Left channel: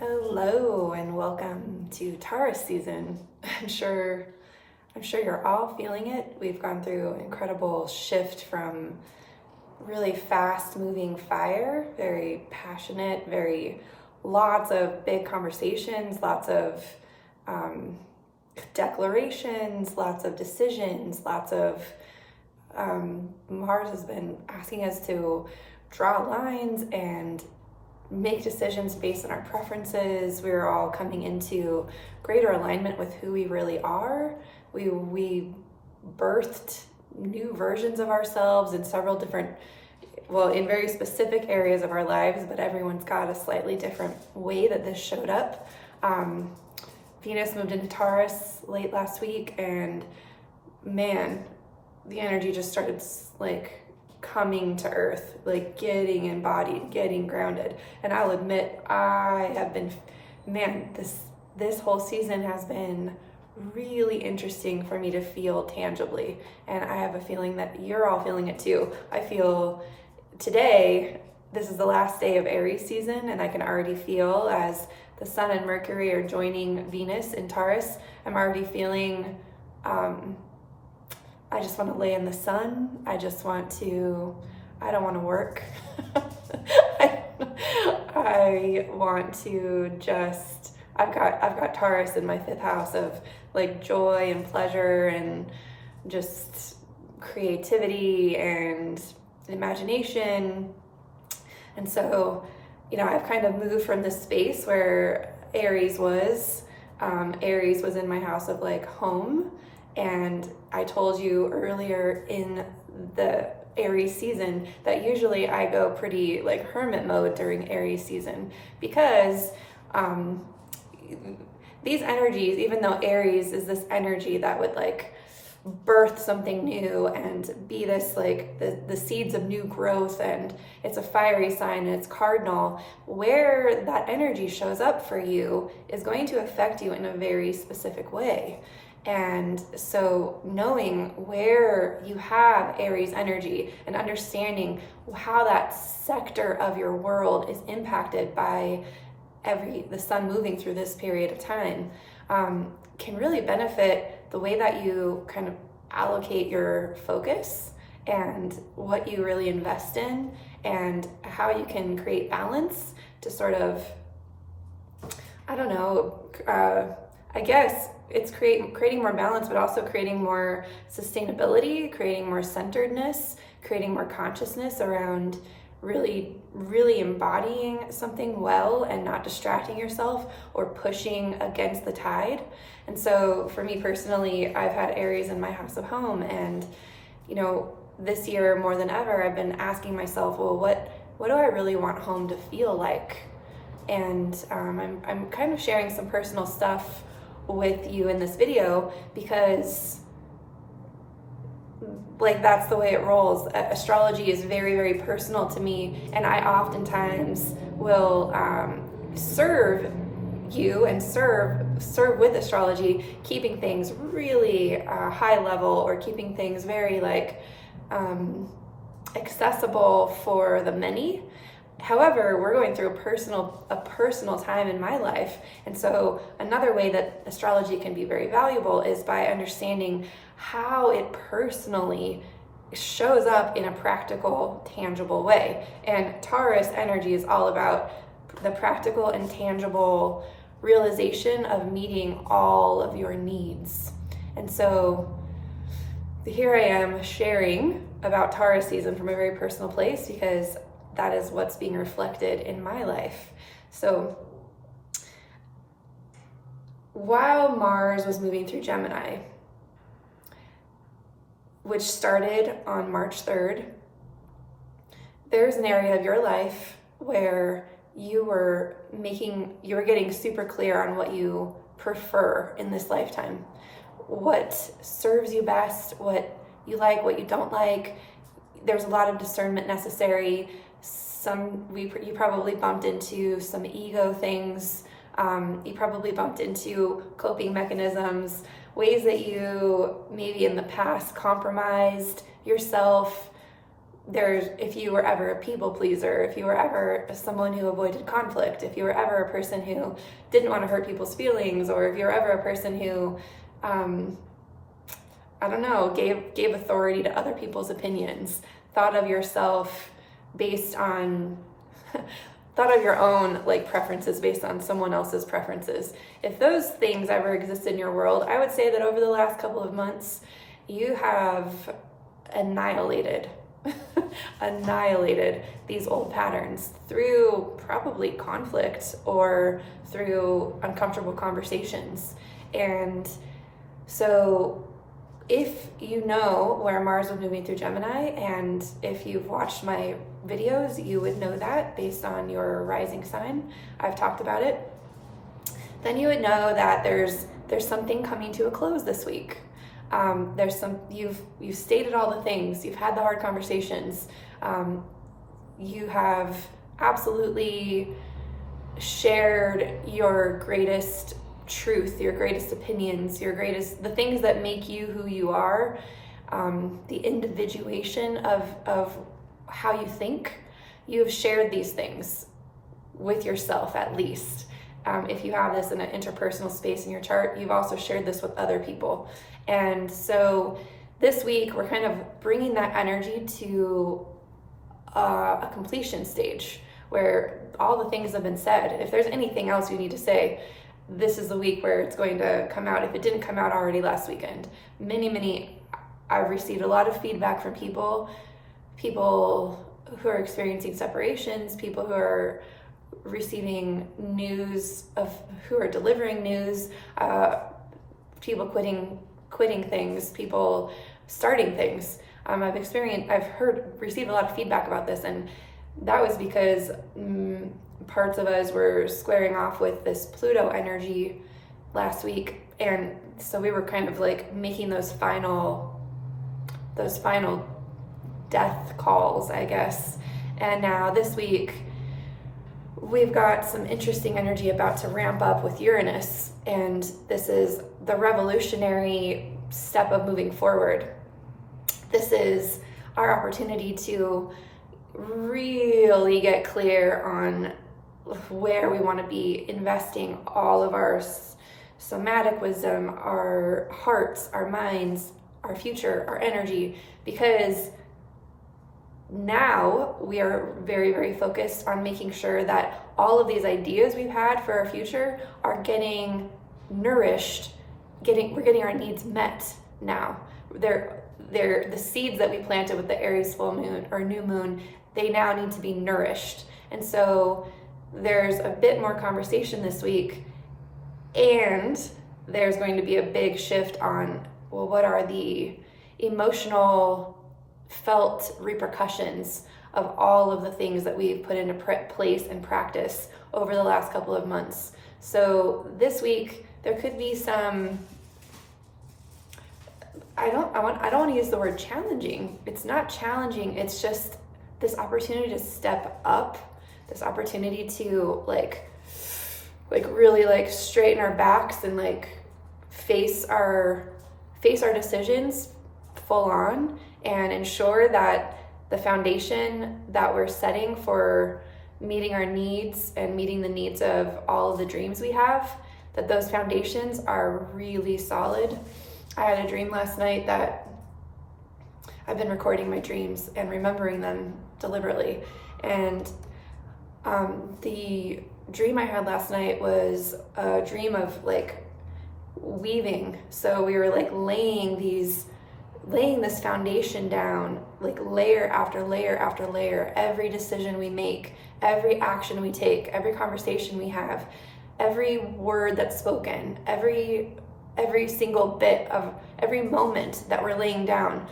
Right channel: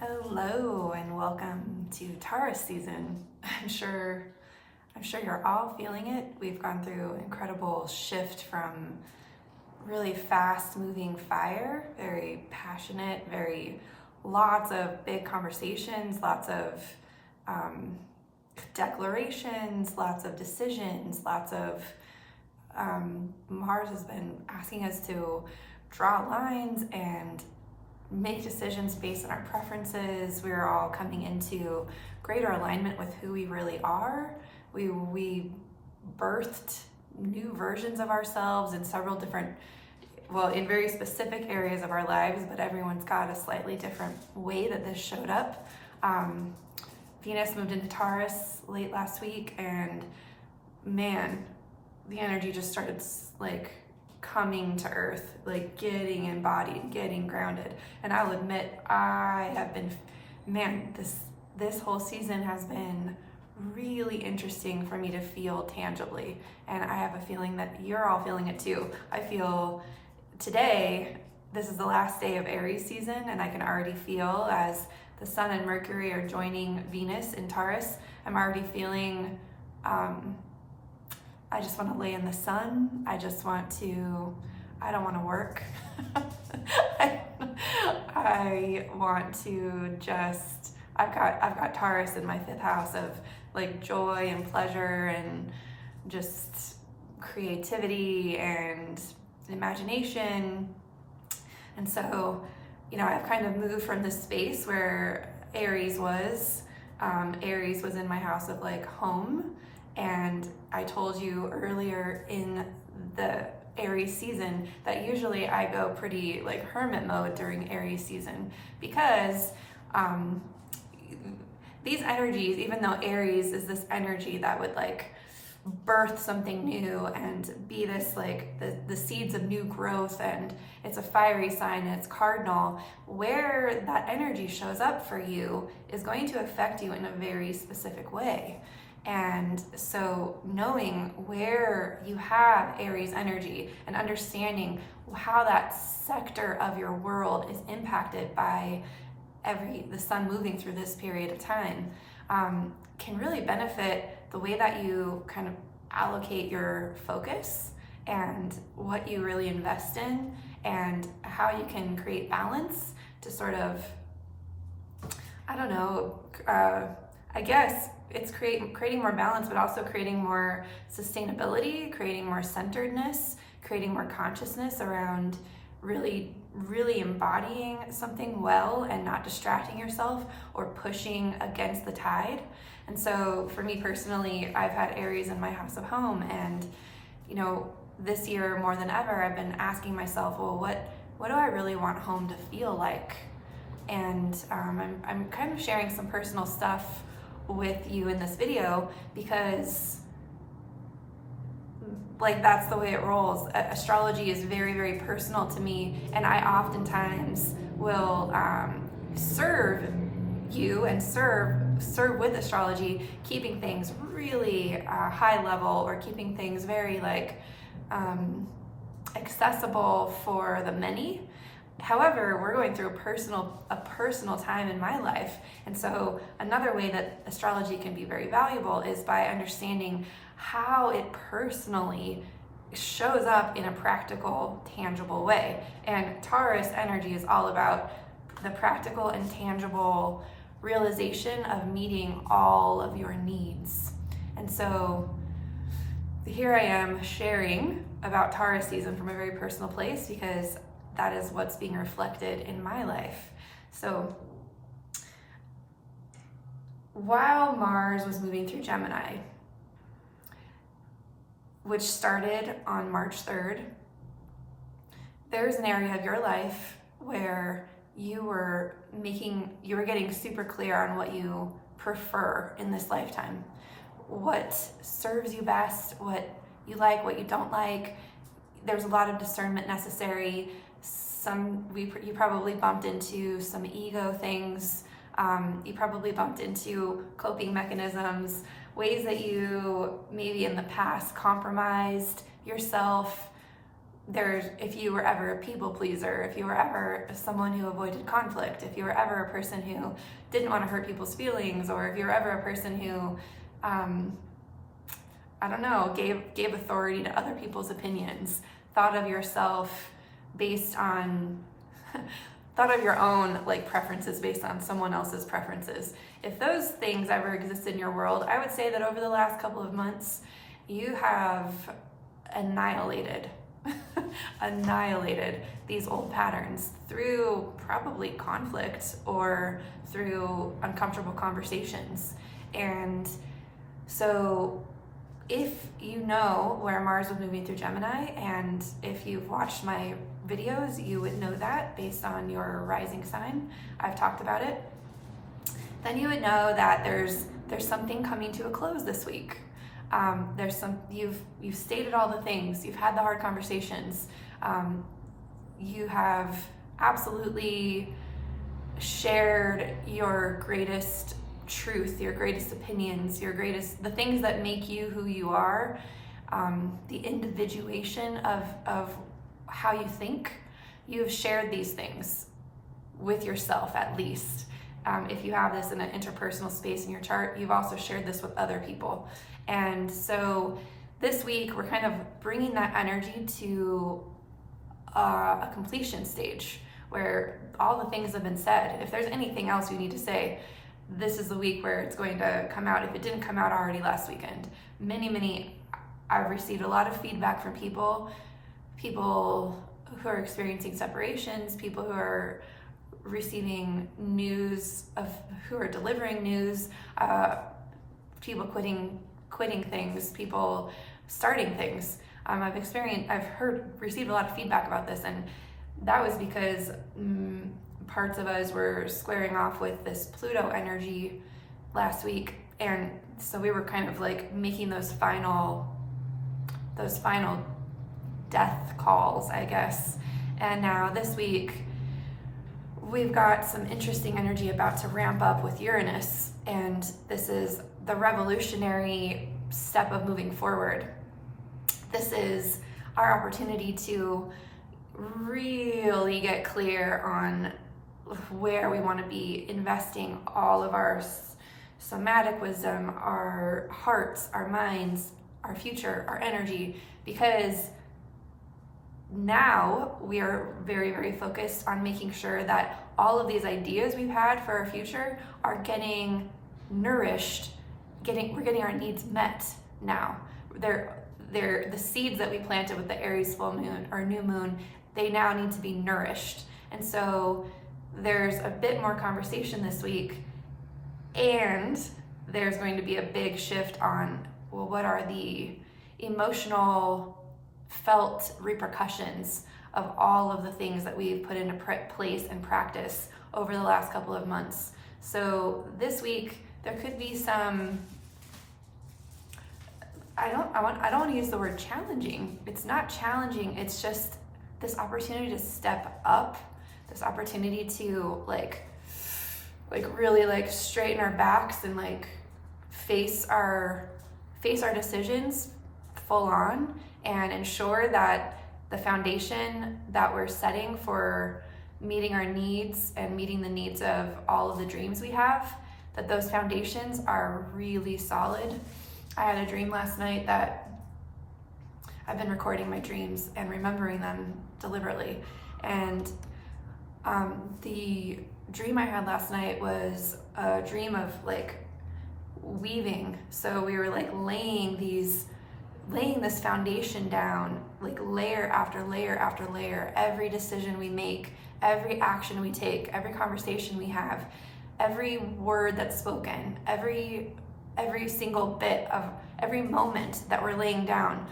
Hello and welcome to Taurus season. I'm sure you're all feeling it. We've gone through an incredible shift from really fast moving fire, very passionate, very lots of big conversations, lots of declarations, lots of decisions, lots of Mars has been asking us to draw lines and make decisions based on our preferences. We're all coming into greater alignment with who we really are. We birthed new versions of ourselves in several different, in very specific areas of our lives, but everyone's got a slightly different way that this showed up. Venus moved into Taurus late last week, and man, the energy just started coming to earth, getting embodied, getting grounded. And I'll admit, I have been, this whole season has been really interesting for me to feel tangibly. And I have a feeling that you're all feeling it too. I feel today, this is the last day of Aries season, and I can already feel as the Sun and Mercury are joining Venus in Taurus, I'm already feeling, I just want to lay in the sun. I don't want to work. I want to I've got Taurus in my fifth house of joy and pleasure and just creativity and imagination. And so, I've kind of moved from this space where Aries was in my house of home. And I told you earlier in the Aries season that usually I go pretty hermit mode during Aries season because these energies, even though Aries is this energy that would birth something new and be this the seeds of new growth, and it's a fiery sign and it's cardinal, where that energy shows up for you is going to affect you in a very specific way. And so knowing where you have Aries energy and understanding how that sector of your world is impacted by the sun moving through this period of time can really benefit the way that you kind of allocate your focus and what you really invest in and how you can create balance to sort of, I guess it's creating more balance, but also creating more sustainability, creating more centeredness, creating more consciousness around really, really embodying something well and not distracting yourself or pushing against the tide. And so for me personally, I've had Aries in my house of home, and this year more than ever, I've been asking myself, well, what do I really want home to feel like? And I'm kind of sharing some personal stuff with you in this video because that's the way it rolls. Astrology is very, very personal to me, and I oftentimes will serve you and serve with astrology, keeping things really high level or keeping things very accessible for the many. However, we're going through a personal time in my life. And so another way that astrology can be very valuable is by understanding how it personally shows up in a practical, tangible way. And Taurus energy is all about the practical and tangible realization of meeting all of your needs. And so here I am sharing about Taurus season from a very personal place because that is what's being reflected in my life. So while Mars was moving through Gemini, which started on March 3rd, there's an area of your life where you were getting super clear on what you prefer in this lifetime, what serves you best, what you like, what you don't like. There's a lot of discernment necessary. You probably bumped into some ego things. You probably bumped into coping mechanisms, ways that you maybe in the past compromised yourself, if you were ever a people pleaser, if you were ever someone who avoided conflict, if you were ever a person who didn't want to hurt people's feelings, or if you were ever a person who, I don't know, gave authority to other people's opinions, thought of yourself based on, thought of your own like preferences based on someone else's preferences. If those things ever exist in your world, I would say that over the last couple of months, you have annihilated these old patterns through probably conflict or through uncomfortable conversations. And so if you know where Mars was moving through Gemini, and if you've watched my videos, you would know that based on your rising sign, I've talked about it, then you would know that there's something coming to a close this week. You've stated all the things, you've had the hard conversations, you have absolutely shared your greatest truth, your greatest opinions, the things that make you who you are, the individuation of how you think. You've shared these things with yourself, at least. If you have this in an interpersonal space in your chart, you've also shared this with other people. And so this week, we're kind of bringing that energy to a completion stage where all the things have been said. If there's anything else you need to say, this is the week where it's going to come out, if it didn't come out already last weekend. I've received a lot of feedback from people who are experiencing separations, people who are receiving news who are delivering news, people quitting things, people starting things. Received a lot of feedback about this, and that was because parts of us were squaring off with this Pluto energy last week, and so we were kind of like making those final death calls, I guess. And now this week we've got some interesting energy about to ramp up with Uranus, and this is the revolutionary step of moving forward. This is our opportunity to really get clear on where we want to be investing all of our somatic wisdom, our hearts, our minds, our future, our energy, because now we are very, very focused on making sure that all of these ideas we've had for our future are getting nourished, we're getting our needs met now. They're the seeds that we planted with the Aries full moon or new moon, they now need to be nourished. And so there's a bit more conversation this week, and there's going to be a big shift on, well, what are the emotional felt repercussions of all of the things that we've put into place and practice over the last couple of months. So this week there could be some, I don't want to use the word challenging. It's not challenging, it's just this opportunity to step up, this opportunity to like really like straighten our backs and like face our decisions full on, and ensure that the foundation that we're setting for meeting our needs and meeting the needs of all of the dreams we have, that those foundations are really solid. I had a dream last night that I've been recording my dreams and remembering them deliberately. And the dream I had last night was a dream of like weaving. So we were like laying this foundation down, like layer after layer after layer. Every decision we make, every action we take, every conversation we have, every word that's spoken, every single bit of every moment that we're laying down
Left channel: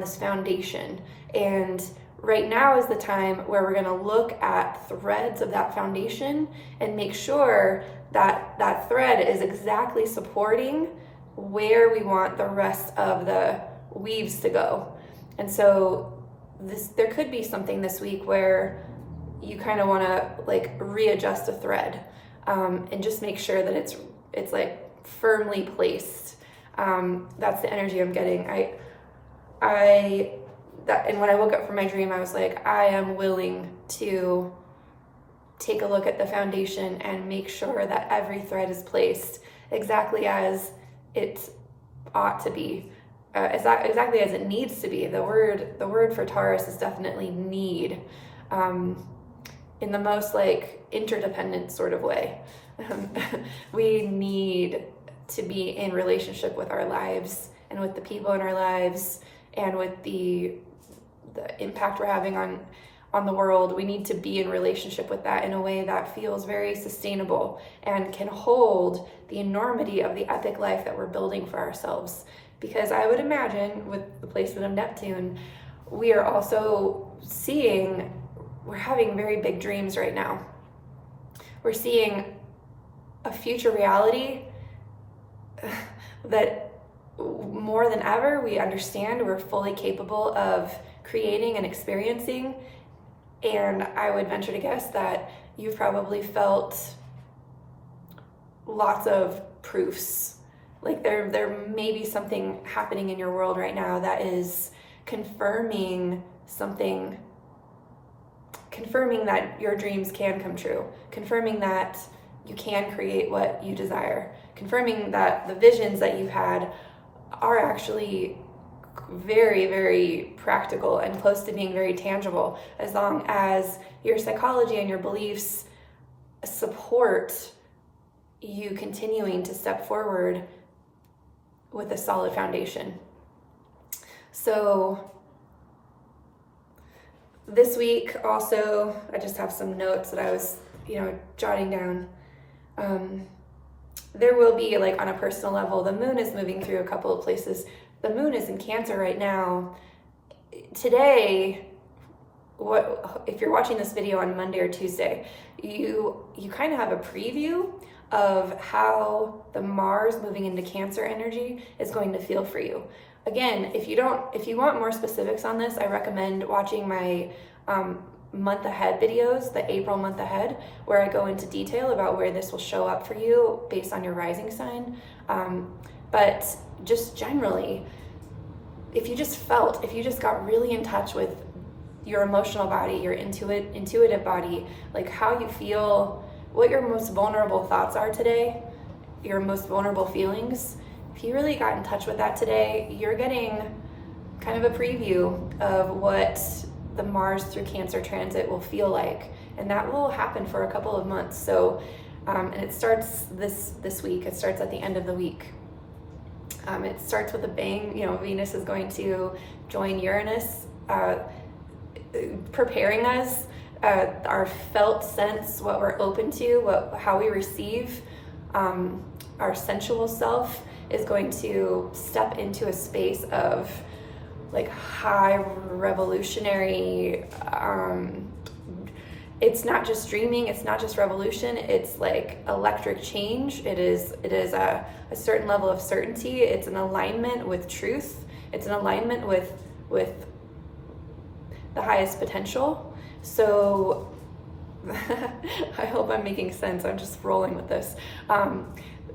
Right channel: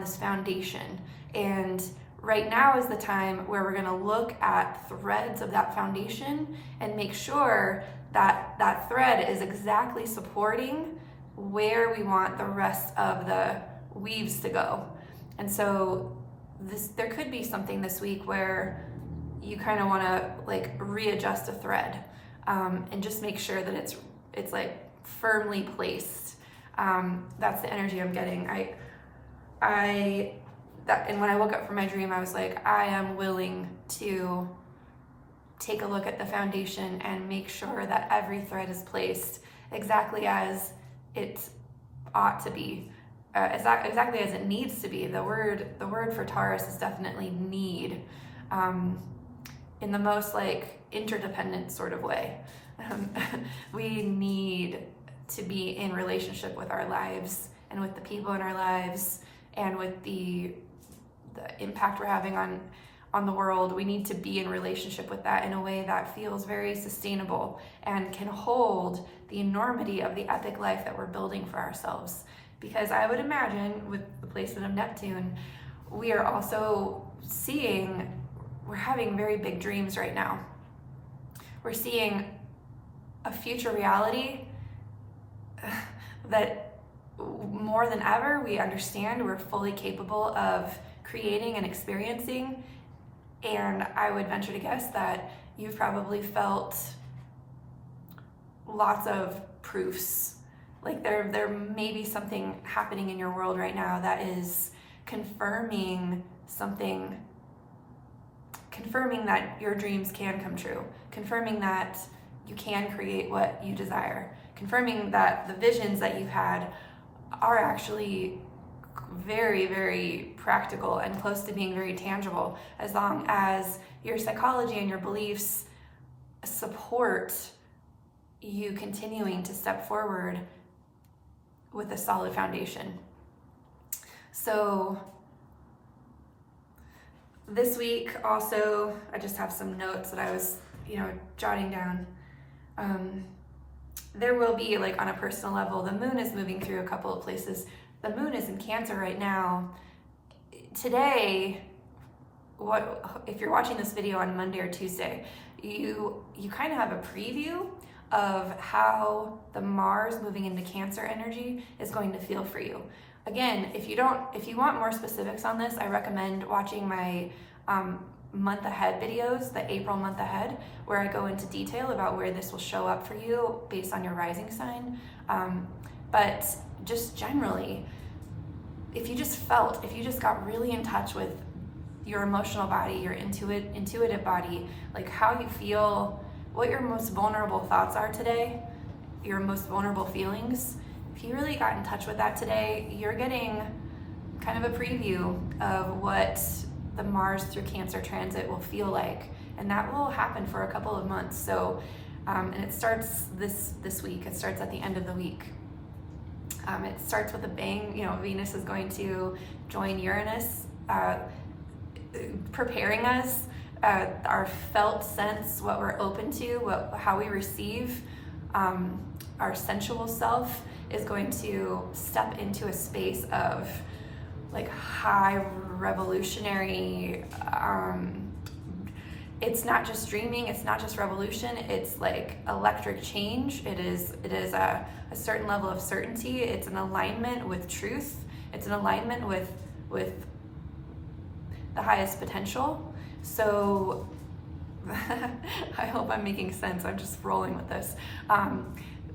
this foundation. And right now is the time where we're going to look at threads of that foundation and make sure that that thread is exactly supporting where we want the rest of the weaves to go. And so there could be something this week where you kind of want to like readjust a thread, and just make sure that it's like firmly placed. That's the energy I'm getting. I and when I woke up from my dream, I was like, I am willing to take a look at the foundation and make sure that every thread is placed exactly as it ought to be, exactly as it needs to be. The word for Taurus is definitely need, in the most like interdependent sort of way. We need to be in relationship with our lives and with the people in our lives and with the impact we're having on the world. We need to be in relationship with that in a way that feels very sustainable and can hold the enormity of the epic life that we're building for ourselves. Because I would imagine with the placement of Neptune, we are also we're having very big dreams right now. We're seeing a future reality that more than ever we understand we're fully capable of creating and experiencing. And I would venture to guess that you've probably felt lots of proofs. Like there may be something happening in your world right now that is confirming that your dreams can come true, confirming that you can create what you desire, confirming that the visions that you've had are actually very, very practical and close to being very tangible, as long as your psychology and your beliefs support you continuing to step forward with a solid foundation. So this week also, I just have some notes that I was, jotting down. There will be, like, on a personal level, the moon is moving through a couple of places. The moon is in Cancer right now. Today, if you're watching this video on Monday or Tuesday, you kind of have a preview of how the Mars moving into Cancer energy is going to feel for you. Again, if you want more specifics on this, I recommend watching my month ahead videos, the April month ahead, where I go into detail about where this will show up for you based on your rising sign. But just generally, if you just got really in touch with your emotional body, your intuitive body, like how you feel, what your most vulnerable thoughts are today, your most vulnerable feelings, if you really got in touch with that today, you're getting kind of a preview of what the Mars through Cancer transit will feel like. And that will happen for a couple of months. So, and it starts this week. It starts at the end of the week. It starts with a bang. Venus is going to join Uranus, preparing us, our felt sense, what we're open to, how we receive, our sensual self is going to step into a space of like high revolutionary, it's not just dreaming, it's not just revolution, it's like electric change. It is a certain level of certainty. It's an alignment with truth. It's an alignment with the highest potential. So I hope I'm making sense. I'm just rolling with this.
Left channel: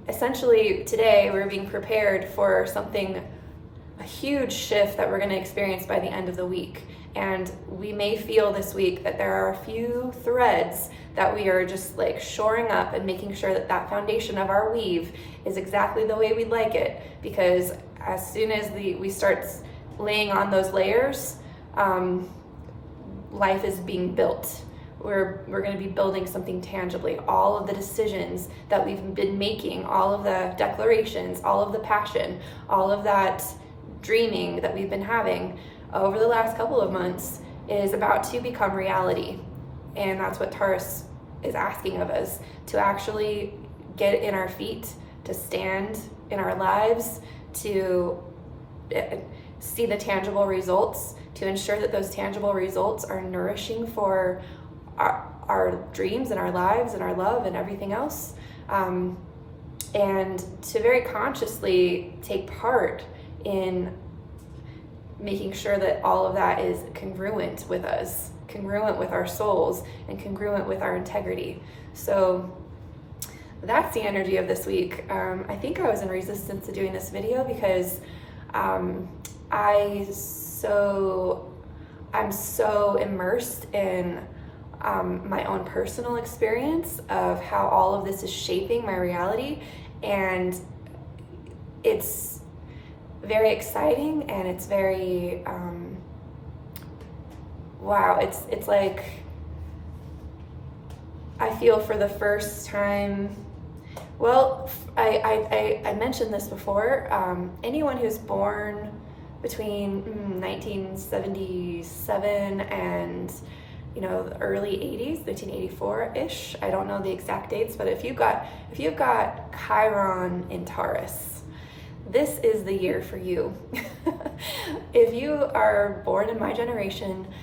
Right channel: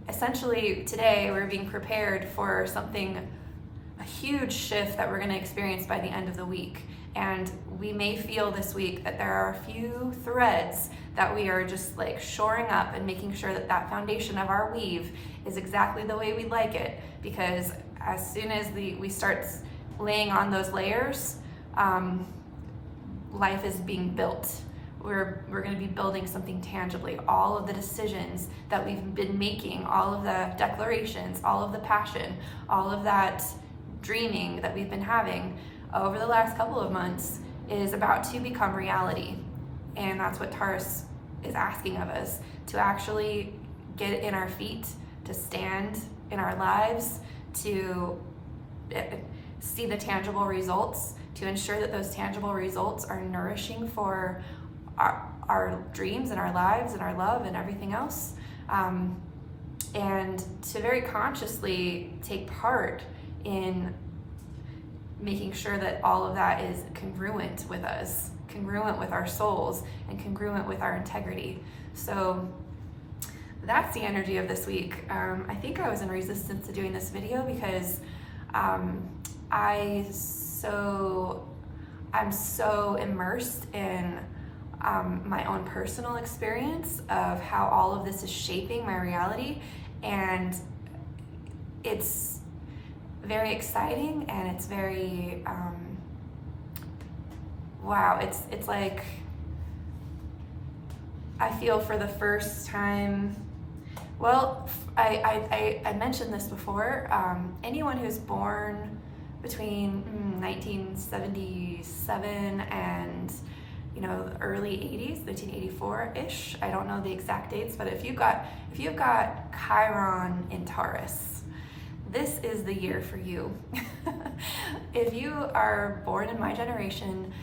Essentially today we're being prepared for a huge shift that we're going to experience by the end of the week. And we may feel this week that there are a few threads that we are just like shoring up and making sure that foundation of our weave is exactly the way we'd like it. Because as soon as we start laying on those layers, life is being built. We're going to be building something tangibly. All of the decisions that we've been making, all of the declarations, all of the passion, all of that dreaming that we've been having over the last couple of months is about to become reality. And that's what Taurus is asking of us, to actually get in our feet, to stand in our lives, to see the tangible results, to ensure that those tangible results are nourishing for our dreams and our lives and our love and everything else. And to very consciously take part in making sure that all of that is congruent with us, congruent with our souls, and congruent with our integrity. So that's the energy of this week. I think I was in resistance to doing this video because I so I'm so immersed in my own personal experience of how all of this is shaping my reality, and it's very exciting, and it's very wow, it's like I feel for the first time, well, I mentioned this before, anyone who's born between 1977 and the early 80s, 1984-ish, I don't know the exact dates, but if you've got Chiron in Taurus, this is the year for you. If you are born in my generation,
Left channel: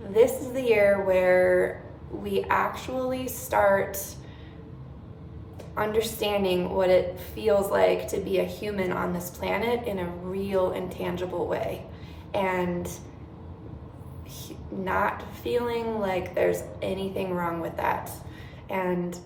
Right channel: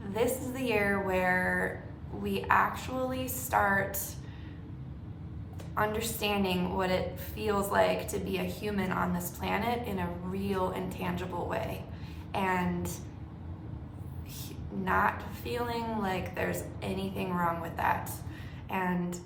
this is the year where we actually start understanding what it feels like to be a human on this planet in a real and tangible way, and not feeling like there's anything wrong with that. And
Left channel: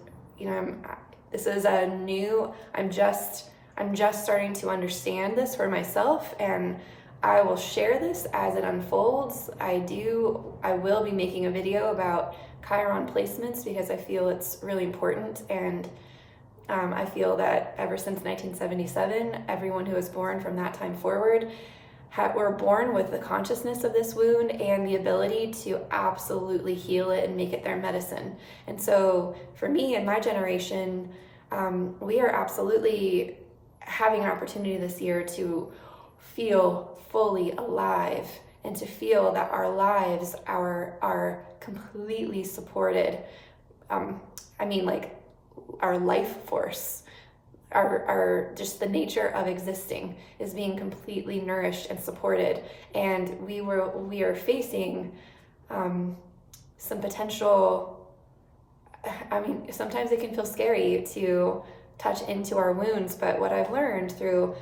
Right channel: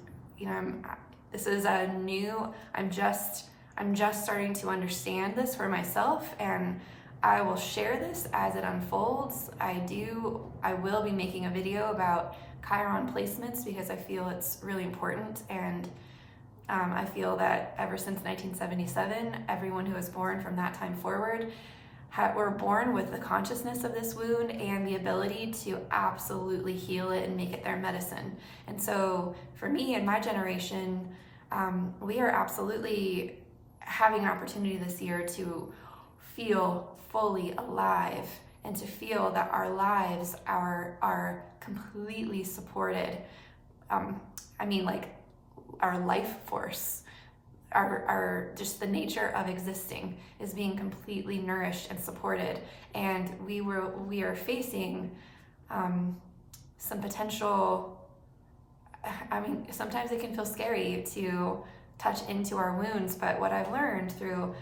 this is a new, I'm just starting to understand this for myself, and I will share this as it unfolds. I will be making a video about Chiron placements because I feel it's really important, and I feel that ever since 1977, everyone who was born from that time forward were born with the consciousness of this wound and the ability to absolutely heal it and make it their medicine. And so for me and my generation, we are absolutely having an opportunity this year to feel fully alive and to feel that our lives are completely supported. Like our life force, our just the nature of existing is being completely nourished and supported. And we are facing some potential, sometimes it can feel scary to touch into our wounds, but what I've learned through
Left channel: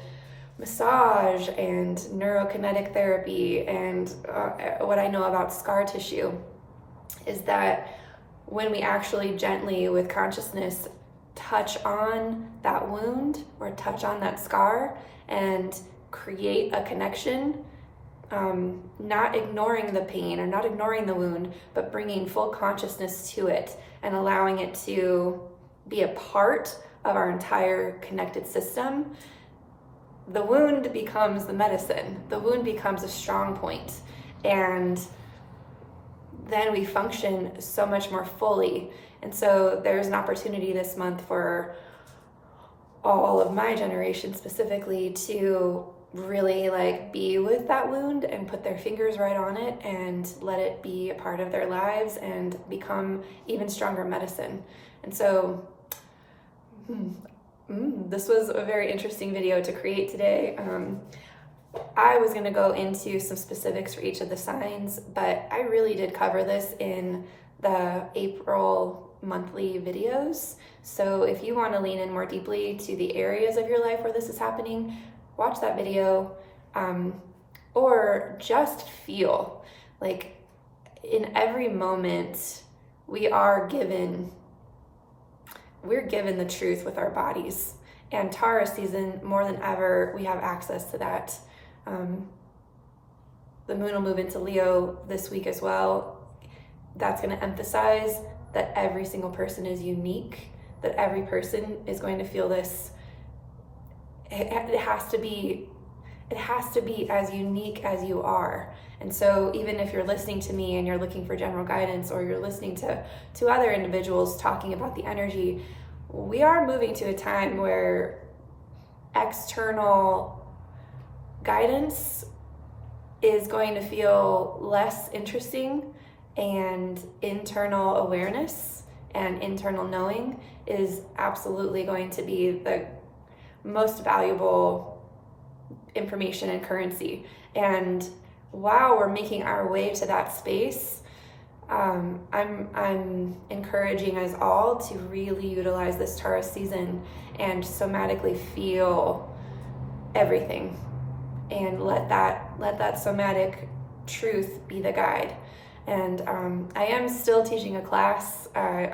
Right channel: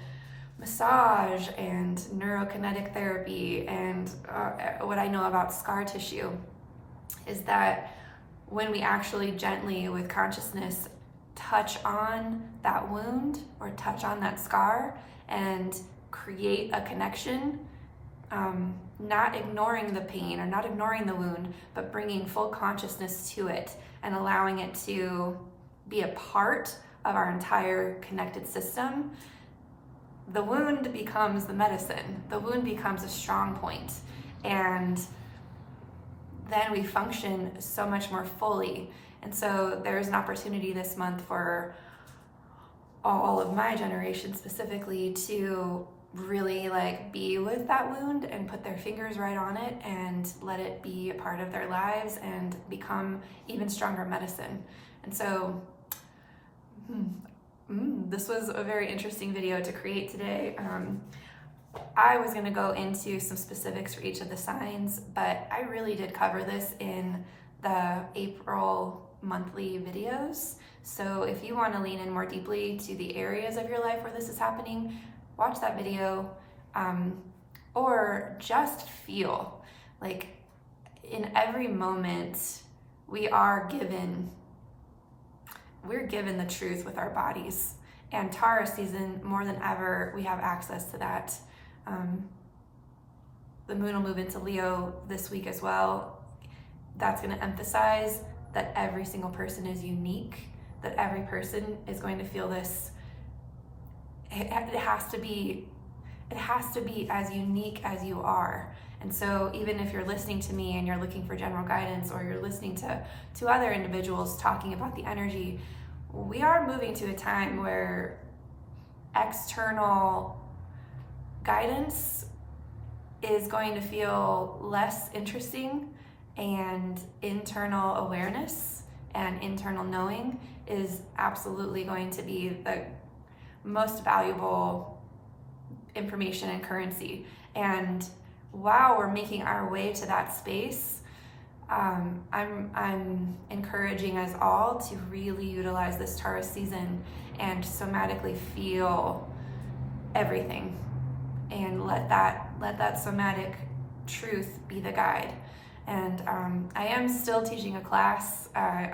massage and neurokinetic therapy and what I know about scar tissue is that when we actually gently, with consciousness, touch on that wound or touch on that scar and create a connection, not ignoring the pain or not ignoring the wound, but bringing full consciousness to it and allowing it to be a part of our entire connected system, the wound becomes the medicine. The wound becomes a strong point, and then we function so much more fully. And so there's an opportunity this month for all of my generation specifically to really be with that wound and put their fingers right on it and let it be a part of their lives and become even stronger medicine. And so this was a very interesting video to create today. I was going to go into some specifics for each of the signs, but I really did cover this in the April monthly videos. So if you want to lean in more deeply to the areas of your life where this is happening, watch that video, or just feel like in every moment we're given the truth with our bodies. And Taurus season, more than ever, we have access to that. The moon will move into Leo this week as well. That's going to emphasize that every single person is unique, that every person is going to feel this. It has to be as unique as you are. And so even if you're listening to me and you're looking for general guidance, or you're listening to other individuals talking about the energy, we are moving to a time where external guidance is going to feel less interesting, and internal awareness and internal knowing is absolutely going to be the most valuable information and currency. And while we're making our way to that space, I'm encouraging us all to really utilize this Taurus season and somatically feel everything, and let that somatic truth be the guide. And I am still teaching a class. I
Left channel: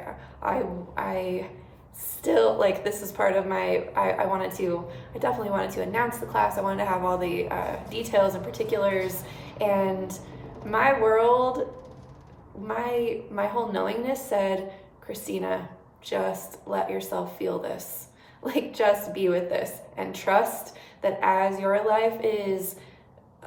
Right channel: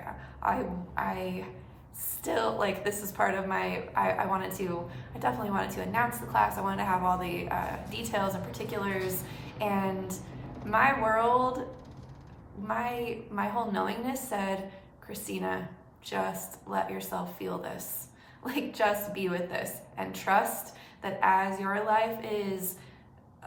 still, this is part of my, I definitely wanted to announce the class. I wanted to have all the details and particulars, and my world, my whole knowingness said, Christina, just let yourself feel this. Like, just be with this and trust that as your life is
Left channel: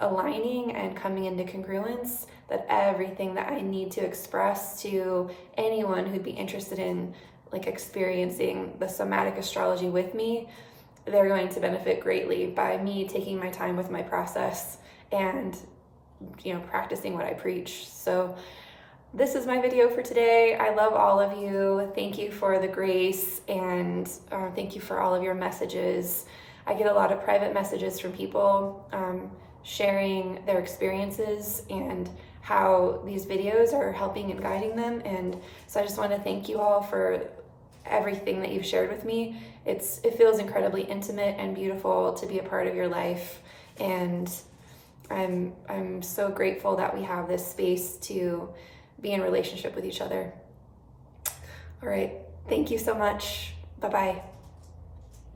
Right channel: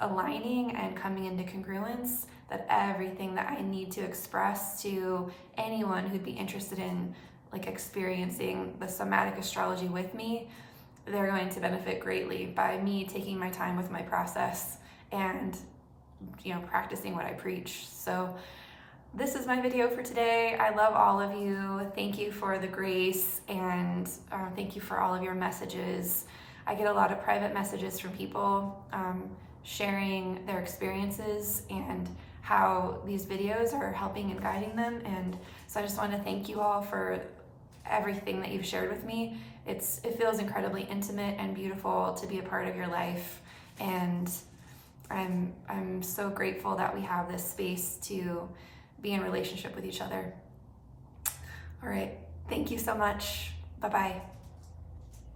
aligning and coming into congruence, that everything that I need to express to anyone who'd be interested in like experiencing the somatic astrology with me, they're going to benefit greatly by me taking my time with my process and, you know, practicing what I preach. So this is my video for today. I love all of you. Thank you for the grace, and thank you for all of your messages. I get a lot of private messages from people sharing their experiences and how these videos are helping and guiding them. And so I just want to thank you all for everything that you've shared with me. It feels incredibly intimate and beautiful to be a part of your life. And I'm so grateful that we have this space to be in relationship with each other. All right. Thank you so much. Bye-bye.